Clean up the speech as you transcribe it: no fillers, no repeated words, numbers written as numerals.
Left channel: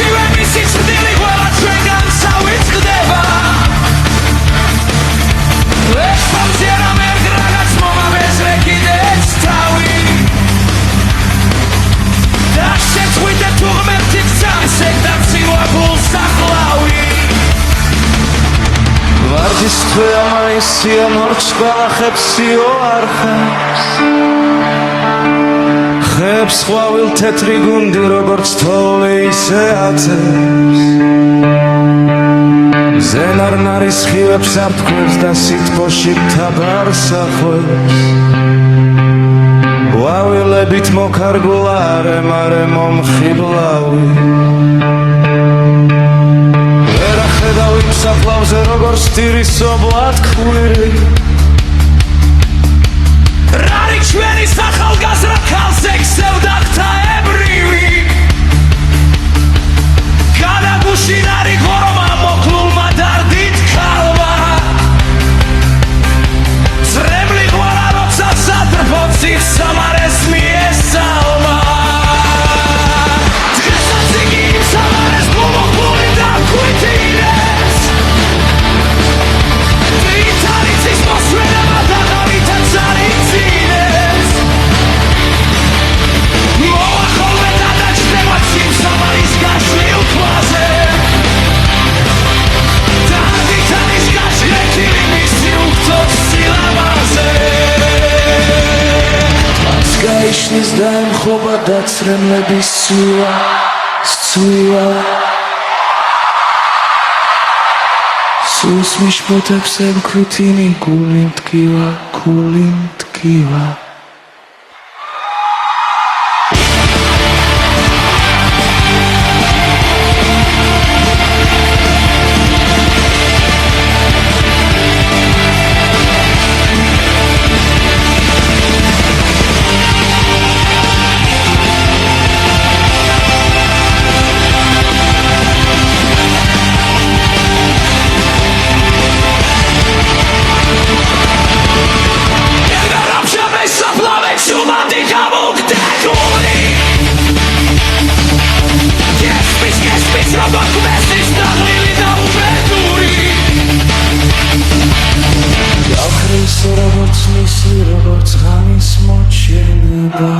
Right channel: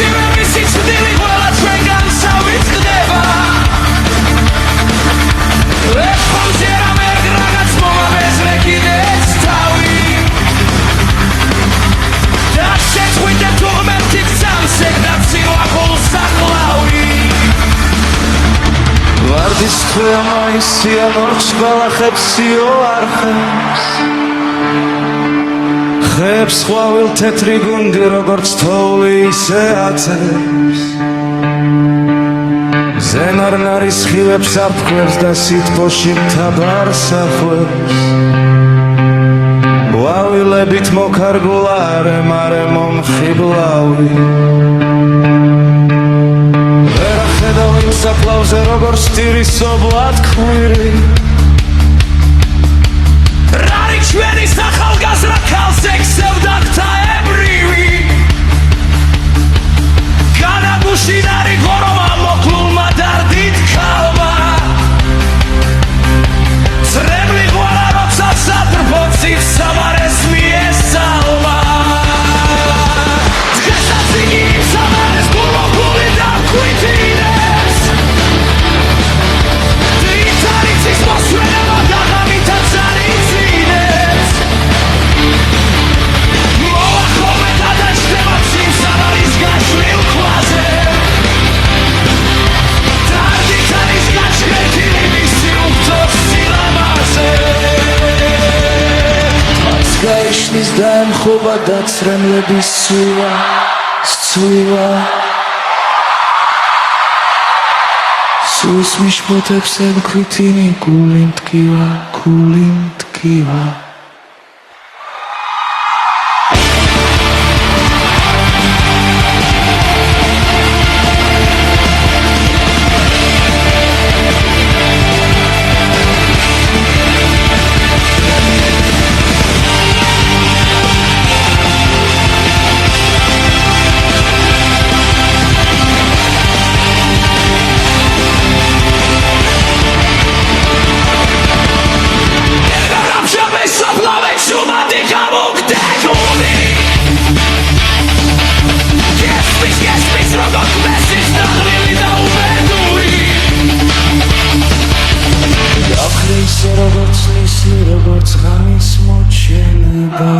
მაშივე მისი ცდილი ყველა ჩვენგან წავიწყდება ეხამზე რამე რაღაც მომაბეზრე კიდეც თავი და შეწყვიტებ თუ ღმერთი გწამსეგ და ცინვა გულს ახლავი ვარდის თვეა მაისია ნორჩ ყველა ხებსიო არ ხებს ხებს ხვავილ თეთრი გუნდი როგორც თოვლი ისე აწევს ზენარნარის ხივებს აფქვევს და სითბოში მთაბარს ახვევს ყვავილებით მოქარგულა არემარე მომხიბლავი ვერ ახედავ იმ საფლავზე როგორც ტირისობლად ქვირი რარი ჩვენი სახალგაზრდა ქალზე ქსევდა ღვთაებრივი განაგუშინ არი ღორომა მოკლულმა დარდით ქალმა ძრემლი ღვარა როცა სადრბო ციხს სამარეს მიესალმა დღესაც იგი იმ სამარეს გულმოკლული დაგვიტინებს დრითარიცის მოსვლენება დაღავითაც არიცინებს მოვა ხოლმე გადაჭდება ციმ სამარის გაშლილ ქვაზე დარდით არის გაჭრეთილი მისი უხთოს სილამაზე თვაც გაიშლის და ემხობა დაცრემლების სწვივა სულს მიშფოთებს ემქვითინი გული მტკივა Shumati kamukteguli Kespis, robak mesis daglili da ubeduri Gakhre ise როგორც ნისლი როგორც ღამის მოჩენება